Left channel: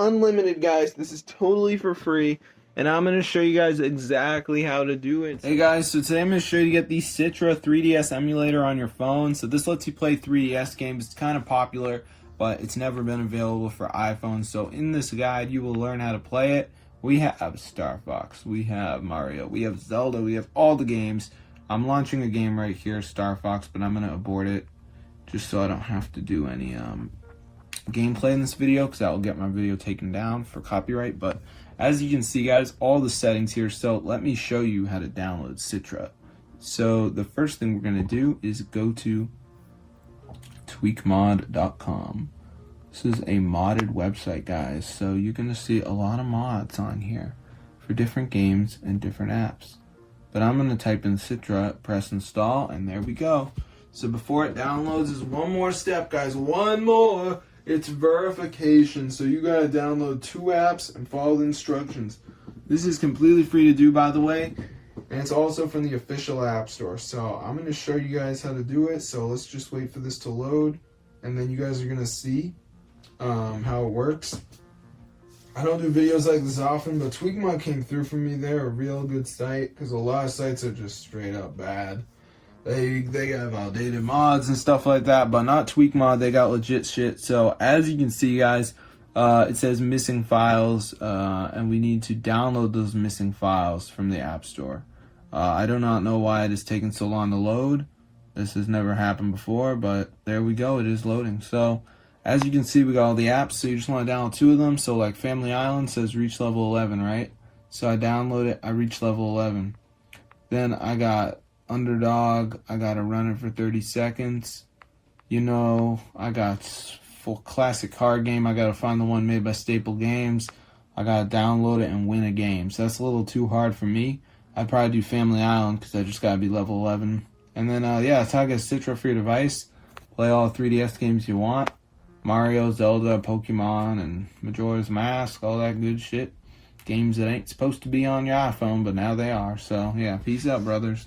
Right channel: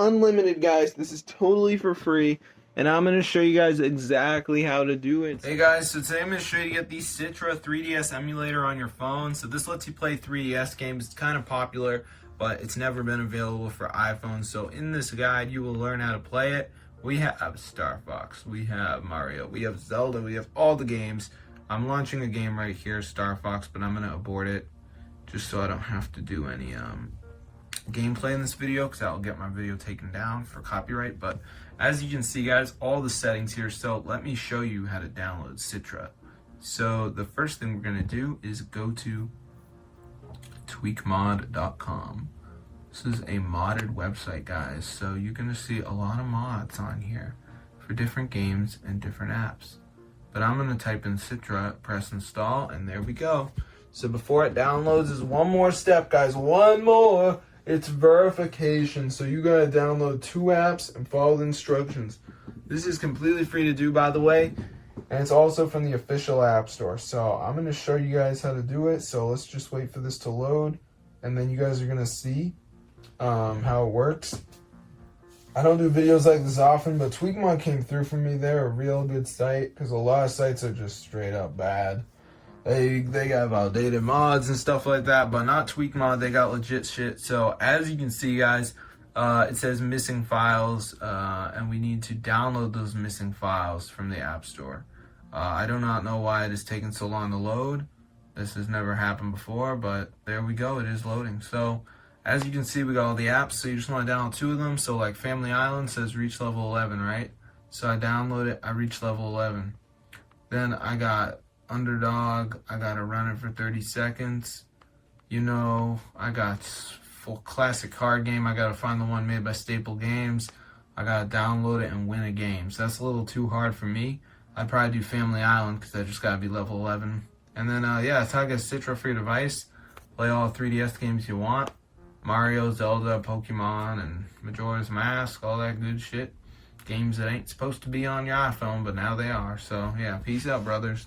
unlimited, guys. This is totally for free. And I'm going to show you guys exactly how to do it. Hey guys, so today I'm going to show you to get the Citra 3DS Emulator on your phone. So this lets you play 3DS games. It's kind of popular, but it's never been available for iPhone. So in this guide, you will learn how to play it. We have Star Fox, we have Mario, we have Zelda, we have all the games. I'm launching a game right here, Star Fox, but I'm going to abort it just so I don't have to do any gameplay in this video, because that will get my video taken down for copyright. But as you can see, guys, all the settings here. So let me show you how to download Citra. So the first thing we're going to do is go to tweakmod.com. This is a modded website, guys, so you're going to see a lot of mods on here for different games and different apps. But I'm going to type in Citra, press install, and there we go. So before it downloads, is one more step, guys, one more. It's verification. So you got to download 2 apps and follow the instructions. This is completely free to do, by the way, and it's also from the official app store. So I'm going to show you guys how to do it. So let's just wait for this to load, and then you guys are going to see how it works. I don't do videos like this often, but Tweakmod came through for me. They're a real good site, because a lot of sites are just straight up bad. They got outdated mods and stuff like that, but not Tweakmod. They got legit shit. So as you can see, guys, it says missing files, and we need to download those missing files from the App Store. I do not know why it is taking so long to load. This has never happened before, but there we go. It is loading. So as you can see, we got all the apps, so you just want to download 2 of them. So like Family Island says reach level 11, right? So I download it, I reach level 11. Then I got Underdog, I got to run it for 30 seconds. You know, I got full classic card game, I got to find the one made by Staple Games. I got to download it and win a game. So that's a little too hard for me. I'd probably do Family Island, because I just got to be level 11. And then, yeah, that's how I get Citra for your device. Play all 3DS games you want. Mario, Zelda, Pokemon, and Majora's Mask, all that good shit. Games that ain't supposed to be on your iPhone, but now they are. So, yeah, peace out, brothers.